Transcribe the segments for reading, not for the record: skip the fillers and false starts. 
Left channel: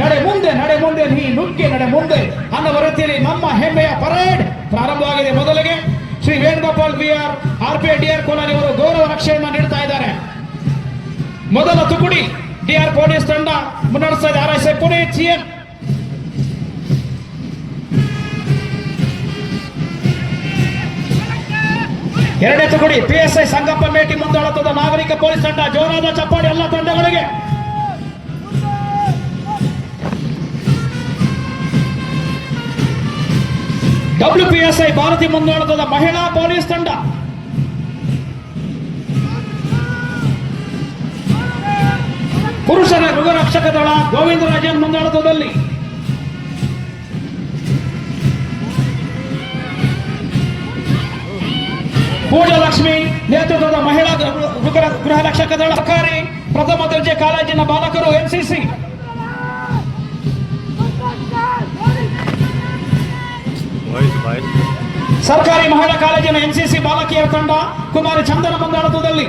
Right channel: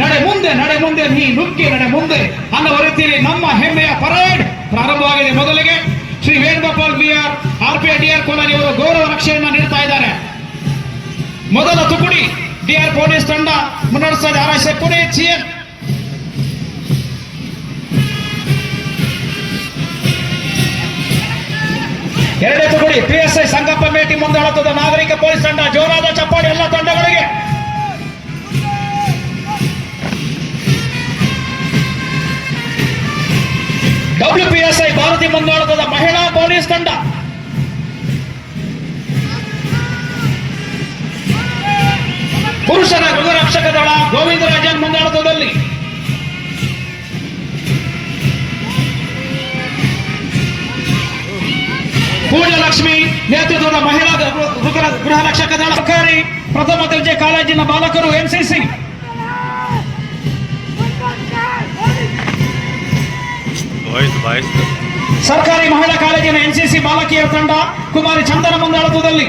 ನಡೆ ಮುಂದೆ ನಡೆ ಮುಂದೆ ನೀ ನುಗ್ಗಿ ನಡೆ ಮುಂದೆ ಅನ್ನುವ ರೀತಿಯಲ್ಲಿ ನಮ್ಮ ಹೆಮ್ಮೆಯ ಪರೇಡ್ ಪ್ರಾರಂಭವಾಗಿದೆ. ಮೊದಲಿಗೆ Shri Venugopal BR RPI DR ಕೋಲಾರಿ ಅವರು ಗೌರವ ರಕ್ಷೆಯನ್ನು ನೀಡ್ತಾ ಇದ್ದಾರೆ. ಮೊದಲ ತುಕುಡಿ ಡಿಆರ್ ಪೊಲೀಸ್ ತಂಡ ಮುನ್ನಡೆಸ್ತಾ ಇದೆ. ಆರ್ಎಸ್ಎ ಕೊನೆ ಚಿಎನ್ ಎರಡನೇ ತುಕುಡಿ ಪಿಎಸ್ಐ ಸಂಗಪ್ಪ ಮೇಟಿ ಮುಂದಾಳುತ್ತದೆ. ನಾಗರಿಕ ಪೊಲೀಸ್ ತಂಡ ಜೋರಾದ ಚಪ್ಪಾಡಿ ಎಲ್ಲ ತಂಡಗಳಿಗೆ. WPSI ಭಾರತಿ ಮುಂದಾಳುತ್ತದೆ. ಮಹಿಳಾ ಪೊಲೀಸ್ ತಂಡ ಪುರುಷರ ಗೃಹರಕ್ಷಕ ದಳ ಗೋವಿಂದರಾಜನ್ ಮುಂದಾಳುತ್ತದಲ್ಲಿ. ಪೂಜಲಕ್ಷ್ಮಿ ನೇತೃತ್ವದ ಮಹಿಳಾ ಗೃಹರಕ್ಷಕ ದಳ. ಸರ್ಕಾರಿ ಪ್ರಥಮ ದರ್ಜೆ ಕಾಲೇಜಿನ ಬಾಲಕರು ಎನ್ಸಿಸಿ. ಸರ್ಕಾರಿ ಮಹಿಳಾ ಕಾಲೇಜಿನ ಎನ್ಸಿಸಿ ಬಾಲಕಿಯರ ತಂಡ ಕುಮಾರಿ ಚಂದನ ಮುಂದಾಳುತ್ವದಲ್ಲಿ.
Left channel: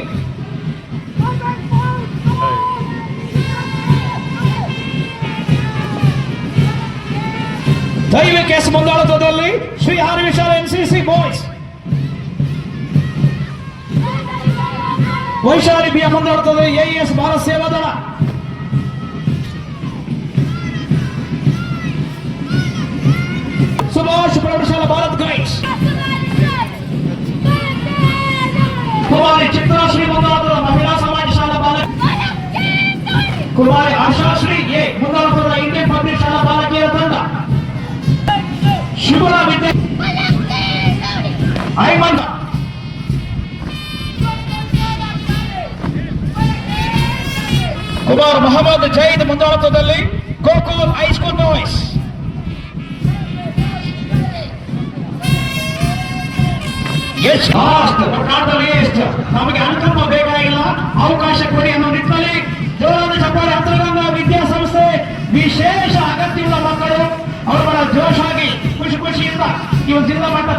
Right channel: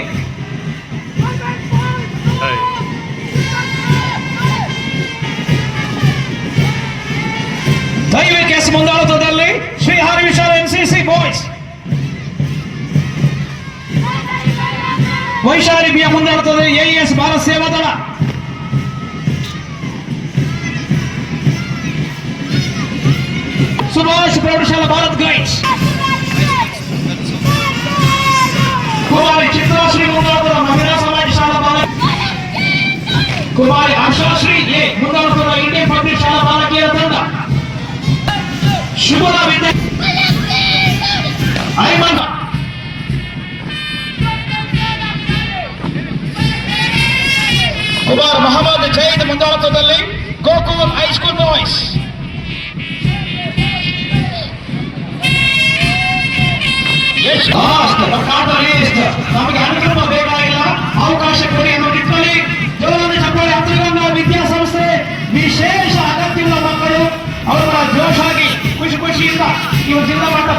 ದೈವಿ case ಮುಂದಾಳುತ್ವದಲ್ಲಿ Shri Hari Vishala NCC boys. Vaishali ಬಿಯ ಮುಂದಾಡುತ್ತದೆ ಎಇಎಸ್ ಭಾರತ್ ಸೇವಾ ದಳ. ಸುಭಾಷ್ ಪ್ರೌಢಶಾಲಾ ಭಾರತ್ ಗೈಡ್ಸ್. ಕುಮಾರಿ ಚಿತ್ರಾಶ್ರೀ ಮುಂದಾಡುತ್ತದೆ ಮಹಿಳಾ ಸಮಾಜ ಶಾಲಾ ಬಾಲಕ. ಕುಮಾರಿ ಆಶಾಶ್ರೀ ಎ ಮುಂದಾಡುತ್ತದೆ ಇಂಡಿಯನ್ ಪಬ್ಲಿಕ್ ಶಾಲಾ ಬಾಲಕಿಯರ ತಂಡ. ಶಿಬುರಾ ವಿದ್ಯೆ ಐಮನ್. ಕುಮಾರ್ ಮೊಹಮ್ಮದ್ ಜೈದ್ ಮುಂದಾಳುತ್ವದಲ್ಲಿ ಗೋಕುಲ್ ಹೈಸ್ಕೂಲ್ ಬಾಯ್ಸ್. ನಮಗೆ ಅನುಕ್ರಮ ಬೇಕಾಗಿಲ್ಲ, ಅವಕಾಶ ಕೊಡಿ ಅನ್ನೋ ನಿಟ್ಟಿನಲ್ಲಿ ಜೋರಾದ ಚಪ್ಪಾಳೆ. ಹತ್ರಗಂಗ ವಿದ್ಯಾಸಂಸ್ಥೆ ವಿಶೇಷ ಅಗತ್ಯವಿಲ್ಲ ಮಕ್ಕಳು ಅವರ ಜೋಶಾಗಿ ಖುಷಿಯಿಂದ ಈ ಜಿಲ್ಲಾ ಮಟ್ಟ